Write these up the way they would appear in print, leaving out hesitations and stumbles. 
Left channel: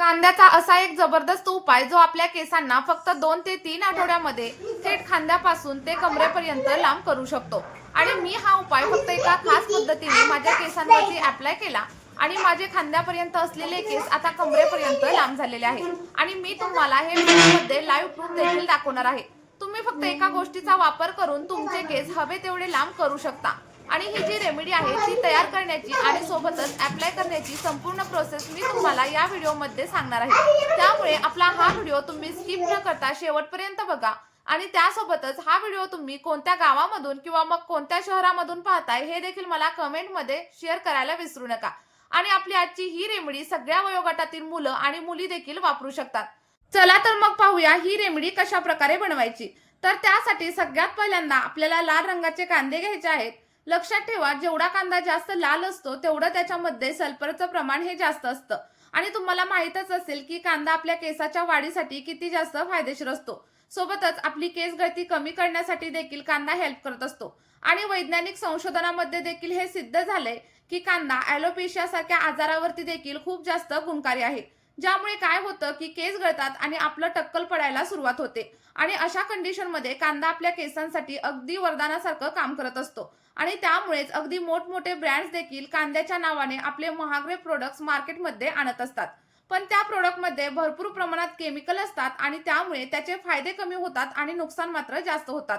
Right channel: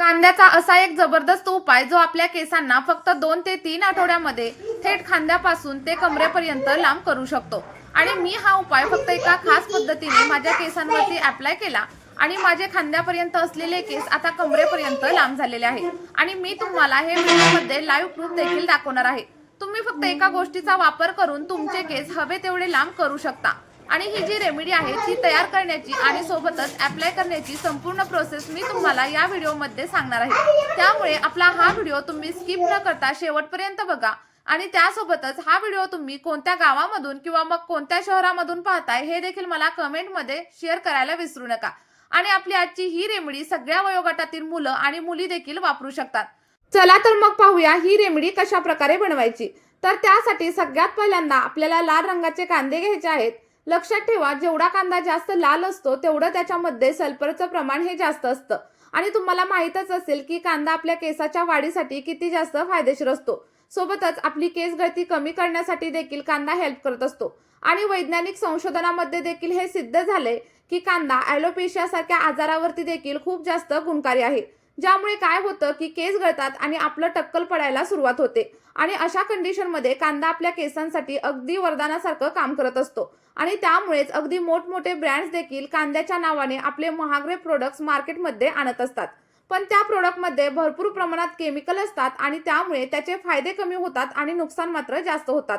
कांद्याचा असा एक जबरदस्त उपाय जो आपल्या केसांना फक्त 2 ते 3 आठवड्यामध्ये थेट खांद्यापासून ते कमरेपर्यंत लांब करू शकतो। आणि मी हा उपाय फक्त एका खास पद्धतीने माझ्या केसांवरती अप्लाय केला आणि माझे खांद्यापर्यंत असलेले केस आता कमरेपर्यंत लांब झालेले आहेत। आणि मी तुम्हाला हे व्हिडिओमध्ये लाईव्ह प्रूफ देखील दाखवणार आहे। तुम्ही फक्त एका गोष्टीचा वापर करून तुमचे केस हवे तेवढे लांब करू शकता। आणि ही जी रेमेडी आहे ती तयार करण्याची आणि सोबतच अप्लाय करण्याची संपूर्ण प्रोसेस मी तुम्हाला या व्हिडिओमध्ये सांगणार आहे। त्यामुळे आपला हा व्हिडिओ तुम्ही स्किप न करता शेवटपर्यंत बघा। आणि त्यासोबतच हा व्हिडिओ तुम्ही कोणत्या गावामधून किंवा मग कोणत्या शहरामधून पाहताय हे देखील मला कमेंटमध्ये शेअर करायला विसरू नका। आणि आपली आजची ही रेमेडी सगळ्या वयोगटातील मुलं आणि मुली देखील वापरू शकतात। चला तर मग पाहूया ही रेमेडी कशा प्रकारे बनवायची। तर त्यासाठी सगळ्यात पहिल्यांदा आपल्याला लाल रंगाचे कांदे घ्यायचे आहेत। लक्षात ठेवा, जेवढा कांदा जास्त लाल असतो तेवढं त्याच्यामध्ये सल्फरचं प्रमाण हे जास्त असतं। आणि तुम्हाला माहीतच असेल की कांदा आपल्या केसाच्या वाढीसाठी किती जास्त फायदेशीर असतो। सोबतच आपली केस गळती कमी करण्यासाठी देखील कांदा हेल्प करत असतो। आणि वैज्ञानिक संशोधनामध्ये देखील हे सिद्ध झाले की कांदा ॲलोपेशिया सारख्या आजारावरती देखील खूप जास्त गुणकारी आहे। ज्यामुळे काय होतं की केस गळतात आणि आपलं टक्कल पडायला सुरुवात होते। आणि अशा कंडिशनमध्ये कांदा आपल्या केसांसाठी अगदी वरदानासारखं काम करत असतो। आणि त्यामुळेच अगदी मोठमोठे ब्रँड्स देखील कांद्याच्या नावाने आपले महागडे प्रोडक्ट्स मार्केटमध्ये आणत असतात। पण त्या प्रोडक्टमध्ये भरपूर प्रमाणात केमिकल असतात आणि त्यामुळे त्याचे फायदे कमी होतात आणि नुकसान मात्र जास्त होतात।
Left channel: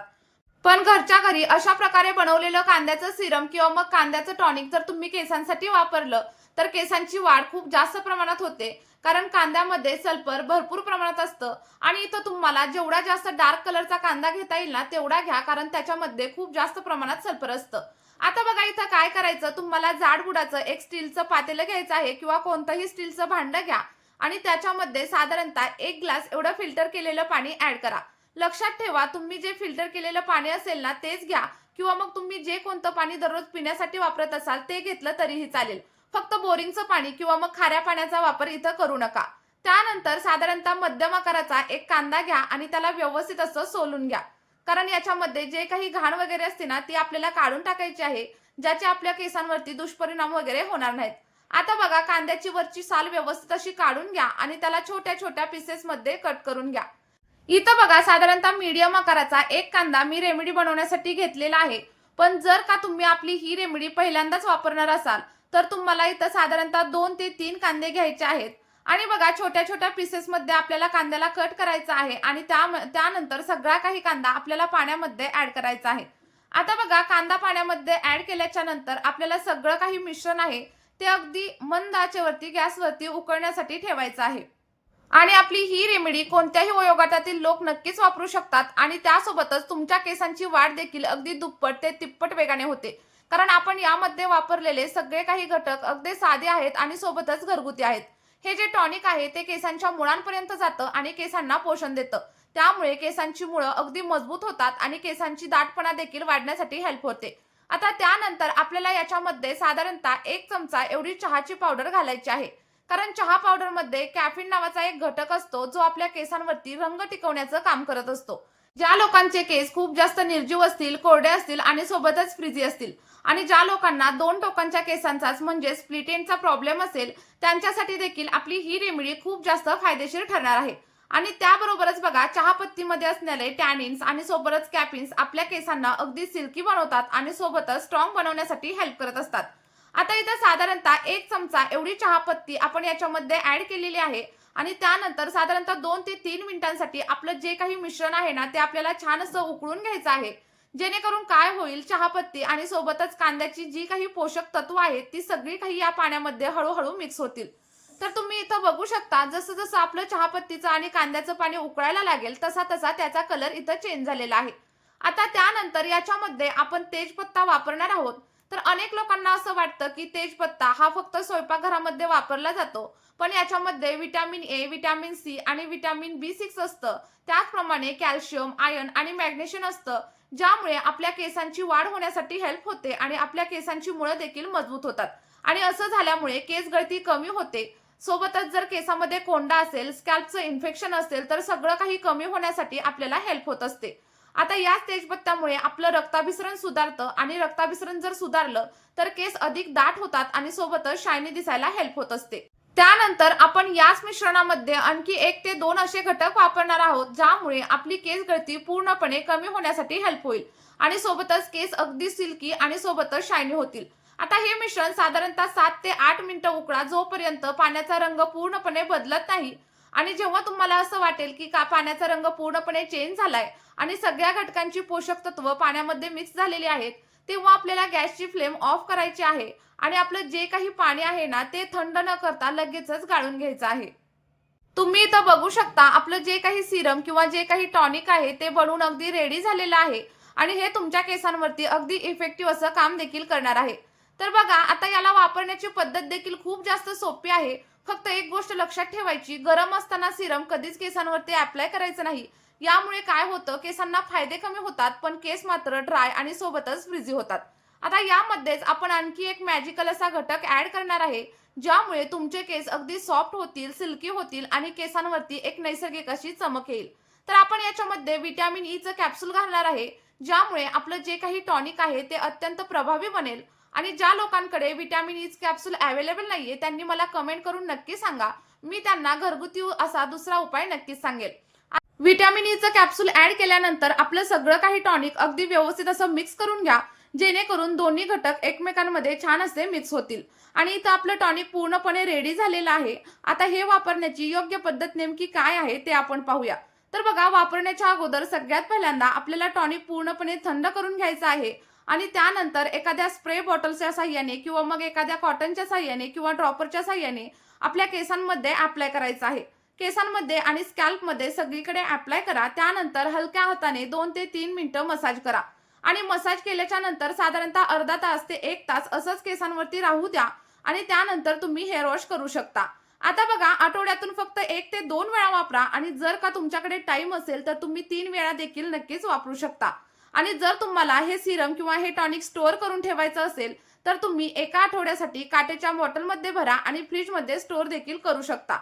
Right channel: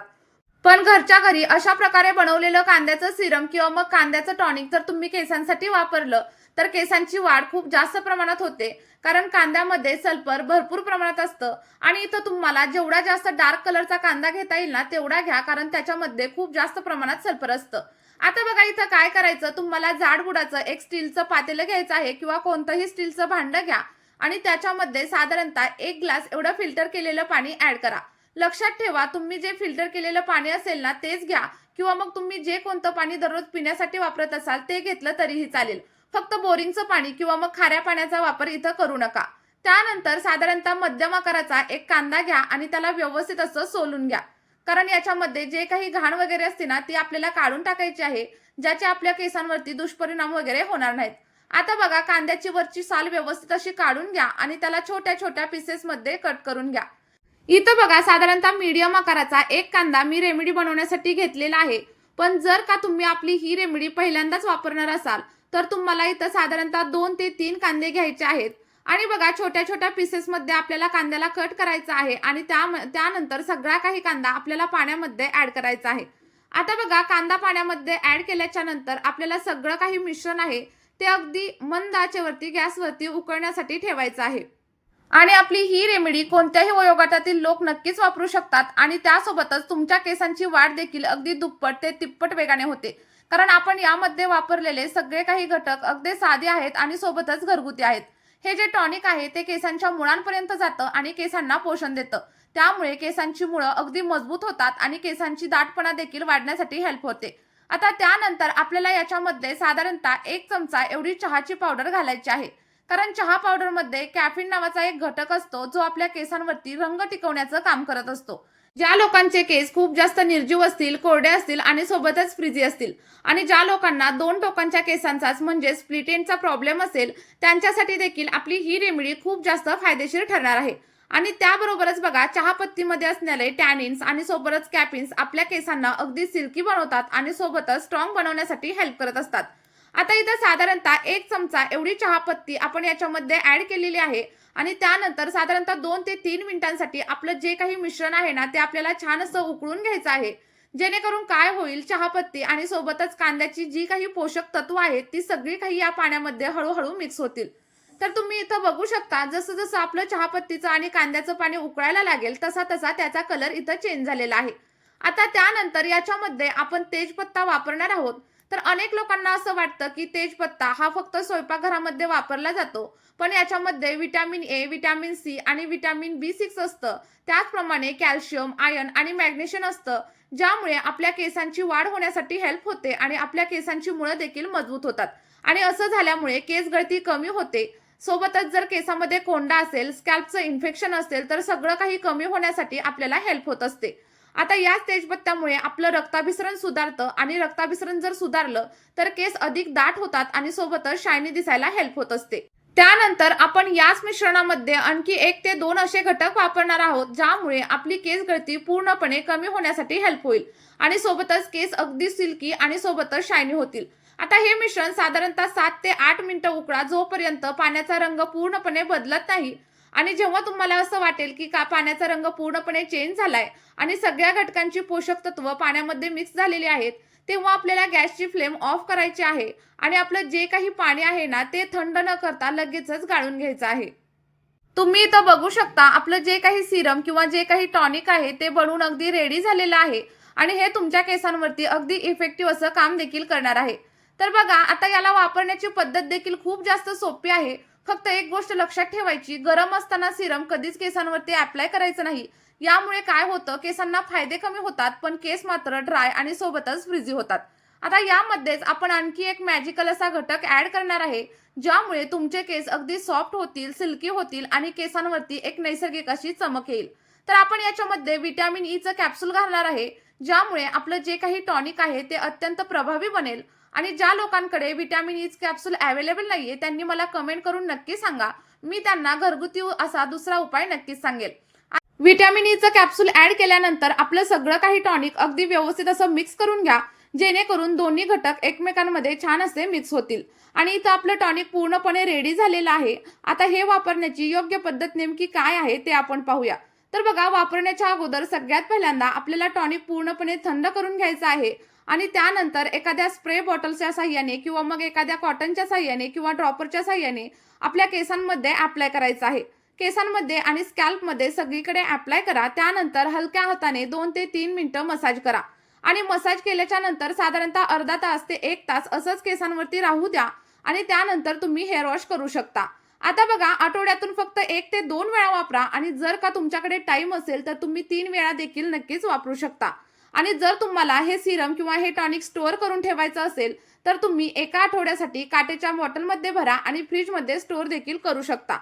पण घरच्या घरी अशा प्रकारे बनवलेलं कांद्याचं सिरम किंवा मग कांद्याचं टॉनिक जर तुम्ही केसांसाठी वापरलं तर केसांची वाढ खूप जास्त प्रमाणात होते। कारण कांद्यामध्ये सल्फर भरपूर प्रमाणात असतं। आणि इथं तुम्हाला जेवढा जास्त डार्क कलरचा कांदा घेता येईल ना तेवढा घ्या, कारण त्याच्यामध्ये खूप जास्त प्रमाणात सल्फर असतं। आता बघा इथं काय करायचं, तुम्हाला जाड बुडाचं एक स्टीलचं पातेलं घ्यायचं आहे किंवा कोणतंही स्टीलचं भांडं घ्या आणि त्याच्यामध्ये साधारणतः 1 ग्लास एवढं फिल्टर केलेलं पाणी ऍड करा। लक्षात ठेवा, तुम्ही जे फिल्टर केलेलं पाणी असेल ना तेच घ्या किंवा मग तुम्ही जे कोणतं पाणी दररोज पिण्यासाठी वापरत असाल ते घेतलं तरीही चालेल। फक्त बोरिंगचं पाणी किंवा मग खाऱ्या पाण्याचा वापर इथं करू नका। त्यानंतर साधारणतः मध्यम आकाराचा एक कांदा घ्या आणि त्याला व्यवस्थित असं सोलून घ्या, कारण याच्यामध्ये जे काही घाण वगैरे असते ना ती आपल्याला काढून टाकायची आहे, ज्याचे आपल्या केसांवरती दुष्परिणाम वगैरे होणार नाहीत। आता बघा कांद्याची वरची साल व्यवस्थित अशी काढून घ्या आणि त्याला छोट्या छोट्या पीसेसमध्ये कट करून घ्या। इथं बघा साधारणतः मीडियम आकाराचा एक कांदा मी रेमेडी बनवण्यासाठी घेतलेला आहे। पण जर का तुम्ही आपली ही रेमेडी पहिल्यांदाच वापरणार असाल तर तुम्हाला इथं साधारणतः 2 ते 3 कांदे घ्यायचे आहेत। आणि बघा छोट्या छोट्या पीसेसमध्ये आपल्याला कांद्याला कट करायचा आहे आणि त्यानंतर सगळा काही कांदा आपल्याला पाण्यामध्ये ऍड करायचा आहे। आता बघा कांदा पाण्यामध्ये ऍड केल्याच्या नंतर आपल्याला सगळं काही मिश्रण आहे ते अगदी मंद आचेवरती गॅसवरती उकळण्यासाठी ठेवायचं आहे। आणि आपली ही रेमेडी कोणत्याही वयोगटातील लोक नक्कीच वापरू शकतात आणि त्यासोबतच तुमच्या केसांची वाढ देखील अगदी दुप्पट ते तिप्पट वेगाने होते। कारण आपण यामध्ये वापरलेले सगळे काही घटक अगदी साधे आहेत आणि सोबतच घरगुती आहेत। हे जे टॉनिक आहे ते केसांच्या मुळांपर्यंत जातं आणि केसांना पोषण देतं। त्यामुळे केसांची मुळं अगदी मजबूत होतात आणि केसांची दाटपणा देखील वाढण्यासाठी हेल्प होते। आता त्यानंतर आपल्याला याच्यामध्ये साधारणतः 1 चमचा एवढी चहाची पावडर घालायची आहे। कारण चहा पावडरमध्ये कॅफीन नावाचा एक घटक असतो जो आपल्या केसांवरती रंग टिकवण्याचं काम करत असतो। ज्या लोकांचे केस खूप जास्त निर्जीव असतील, कोरडे असतील आणि सोबतच फ्रिजी असतील आणि ज्या लोकांना 2 टोकांच्या केसांचाच म्हणजे स्प्लिट एंडचा प्रॉब्लेम असेल त्यांच्यासाठी देखील आपली ही रेमेडी खूप जास्त फायदेशीर ठरणार आहे। आणि त्याबरोबरच बघा चहापत्तीमध्ये असणारे टॅनिन्स आणि सोबतच कॅफिन्स आपल्या केसांना अगदी सिल्की बनवतात आणि सोबतच स्ट्रॉंग बनवण्यासाठी हेल्प करत असतात। आता इथं साधारणतः 1 चमचा एवढी चहापत्ती आपण याच्यामध्ये ऍड केलेली आहे आणि त्यानंतर साधारणतः 2 ते 3 मिनिटांसाठी आपलं जे काही मिश्रण आहे ना ते आपल्याला छान असं उकळून घ्यायचं आहे। जेणेकरून काय होईल, चहापत्ती आणि सोबतच कांद्याची जी काही पोषक तत्व आहेत ती सगळी काही या पाण्यामध्ये हळूहळू मिक्स होतील। तर तुम्ही इथं बघू शकता जसं जसं आपलं चहापत्तीचं आणि कांद्याचं पाणी उकळायला लागेल तसा तसा त्याचा कलर इथं चेंज झालेला आहे। आता त्यानंतर याच्यामध्ये आपण तेजपत्ता वापरणार आहोत। तर अनेक लोकांना असं वाटतं की तेजपत्ता हा फक्त स्वयंपाकघरामध्ये वापरला जातो, पण याच्यामध्ये व्हिटॅमिन ए, व्हिटॅमिन सी आणि व्हिटॅमिन B6 असतं। त्याचप्रमाणे कॅल्शियम, आयर्न आणि मॅग्नेशियम असतं, ज्यामुळे आपल्या केसांची वाढ होण्यासाठी हेल्प होते आणि आपल्या केसांची मुळं देखील मजबूत होतात। आणि असं झाल्यामुळे केस गळती कमी होते। सोबतच जर केसामध्ये कोंडा असेल, स्कॅल्पचं इन्फेक्शन असेल तर सगळं काही कमी होण्यासाठी आपल्याला हेल्प होत असते। आता याच तेजपत्त्यामुळे आपलं रक्ताभिसरण सुधारतं आणि रक्ताभिसरण जर सुधारलं तर केस अधिक दाट होतात आणि सोबतच शायनी दिसायला हेल्प होत असते। त्यानंतर आपण याच मिश्रणामध्ये आणखी 1 ते 2 असे घटक वापरणार आहोत, ज्यामुळे आपली केस गळती पूर्णपणे कमी होण्यासाठी हेल्प होईल आणि सोबतच केस अगदी सिल्की आणि सोबतच शायनी होतील. आता हे मिश्रण साधारणतः 7 ते 8 मिनिटं उकळा, जोपर्यंत पाण्याचा रंग पूर्णपणे बदलत नाही. आणि जेव्हा तुम्हाला असं वाटेल की पाण्याचा रंग पूर्णपणे चेंज झालाय आणि सगळ्या घटकांची पोषक तत्व पाण्यामध्ये मिक्स झालेली आहेत, तेव्हा आपल्याला गॅसची फ्लेम ऑफ करायची आहे आणि आपलं जे काही पाणी आहे ना, ते थंड न करता लगेचच गाळून घ्यायचं आहे. तुम्ही इथं बघू शकता आपलं जे काही सिरम किंवा जे काही टॉनिक आहे ते बनवून अगदी रेडी झालेलं आहे आणि हे तुमच्या केसांवरती अगदी इफेक्टिव्ह असं काम देखील करणार आहे. तर बघा, आता याला वापरण्याची पद्धत देखील खूप जास्त सोपी आहे. फक्त एक गोष्ट लक्षात ठेवायची, गरम असताना सिरम कधीच केसांवरती अप्लाय करायचं नाही. यामुळे काय होतं, केसांना फायदे कमी होतात पण केस मात्र ड्राय आणि सोबतच फ्रिझी होतात. आता यामध्येच आपण आणखी एक मॅजिकल असा घटक ऍड करणार आहे, ज्यामुळे तुमचे केस अगदी सॉफ्ट होतील, सिल्की होतील आणि केसांवरती एक नैसर्गिक अशी चमक येईल. तर आपण याच्यामध्ये व्हिटॅमिन ईचं कॅप्सूल घालणार आहे, ज्यामुळे आपलं जे काही टॉनिक आहे ते अत्यंत प्रभावी बनेल. आणि ज्या लोकांकडे व्हिटॅमिन ईच कॅप्सूल अवेलेबल नाहीये, त्यांनी मला कमेंट करून नक्की सांगा. मी त्यांना घरगुती असा दुसरा उपाय नक्कीच सांगेल. व्हिटॅमिन ईचं कॅप्सूल ऍड केल्यानंतर आपलं सगळं काही टॉनिक अगदी व्यवस्थित असं मिक्स करून घ्या, जेणेकरून दोन्ही घटक एकमेकांमध्ये छान असे मिक्स होतील. आणि इथं आपलं टॉनिक पूर्णपणे रेडी झालेलं आहे. आता हे वापरण्याची योग्य पद्धत नेमकी काय आहे ते आपण पाहूया. तर बघा, वापरण्याच्या अगोदर सगळ्यात पहिल्यांदा आपल्याला टॉनिक पूर्णपणे थंड करून घ्यायचं आहे आणि त्यानंतर एखाद्या स्प्रे बॉटलच्या साह्याने किंवा मग एखाद्या कॉटनच्या साह्याने किंवा ड्रॉपरच्या साह्याने आपल्या केसांमध्ये अप्लाय करायचं आहे. केसांमध्ये आणि स्कॅल्पमध्ये सगळीकडे अप्लाय करा. त्यानंतर हलक्या हाताने 2 ते 3 मिनिटं मसाज करा आणि मसाज केल्याच्या नंतर साधारणतः अर्धा तास ते 1 तास असंच केसांवरती राहू द्या आणि त्यानंतर तुम्ही हेअर वॉश करू शकता. आता बघा, आठवड्यातून फक्त 1 ते 2 वेळा वापरा आणि जर का तुमच्याकडे टाइम असेल तर तुम्ही 3 वेळा देखील नक्कीच वापरू शकता. आणि जर तुम्हाला हे सिरम किंवा हे टॉनिक स्टोअर करून ठेवायचं असेल तर तुम्ही एका आठवड्यासाठी काचेच्या बॉटलमध्ये भरा आणि फ्रीजमध्ये स्टोअर देखील करू शकता.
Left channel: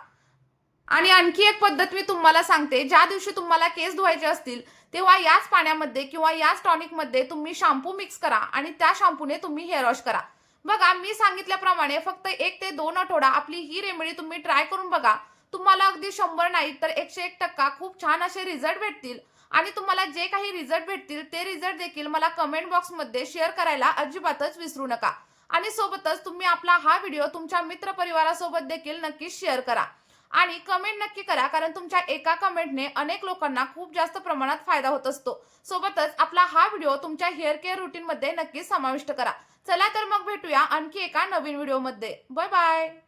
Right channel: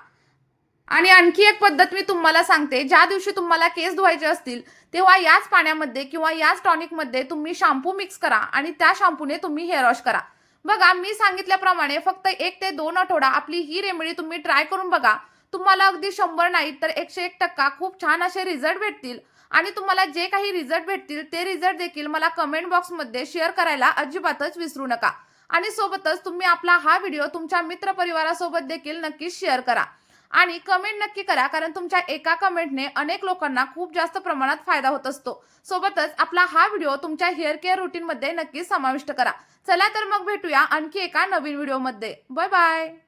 आणि आणखी एक पद्धत मी तुम्हाला सांगते, ज्या दिवशी तुम्हाला केस धुवायचे असतील तेव्हा याच पाण्यामध्ये किंवा याच टॉनिकमध्ये तुम्ही शॅम्पू मिक्स करा आणि त्या शॅम्पूने तुम्ही हेअर वॉश करा. बघा, मी सांगितल्याप्रमाणे फक्त 1 ते 2 आठवडा आपली ही रेमेडी तुम्ही ट्राय करून बघा. तुम्हाला अगदी 100 नाही तर 101% खूप छान असे रिझल्ट भेटतील. आणि तुम्हाला जे काही रिझल्ट भेटतील ते रिझल्ट देखील मला कमेंट बॉक्समध्ये शेअर करायला अजिबातच विसरू नका. आणि सोबतच तुम्ही आपला हा व्हिडिओ तुमच्या मित्रपरिवारासोबत देखील नक्कीच शेअर करा आणि कमेंट नक्की करा, कारण तुमच्या एका कमेंटने अनेक लोकांना खूप जास्त प्रमाणात फायदा होत असतो. सोबतच आपला हा व्हिडिओ तुमच्या हेअर केअर रुटीनमध्ये नक्कीच समाविष्ट करा. चला तर मग भेटूया आणखी एका नवीन व्हिडिओमध्ये. Bye bye.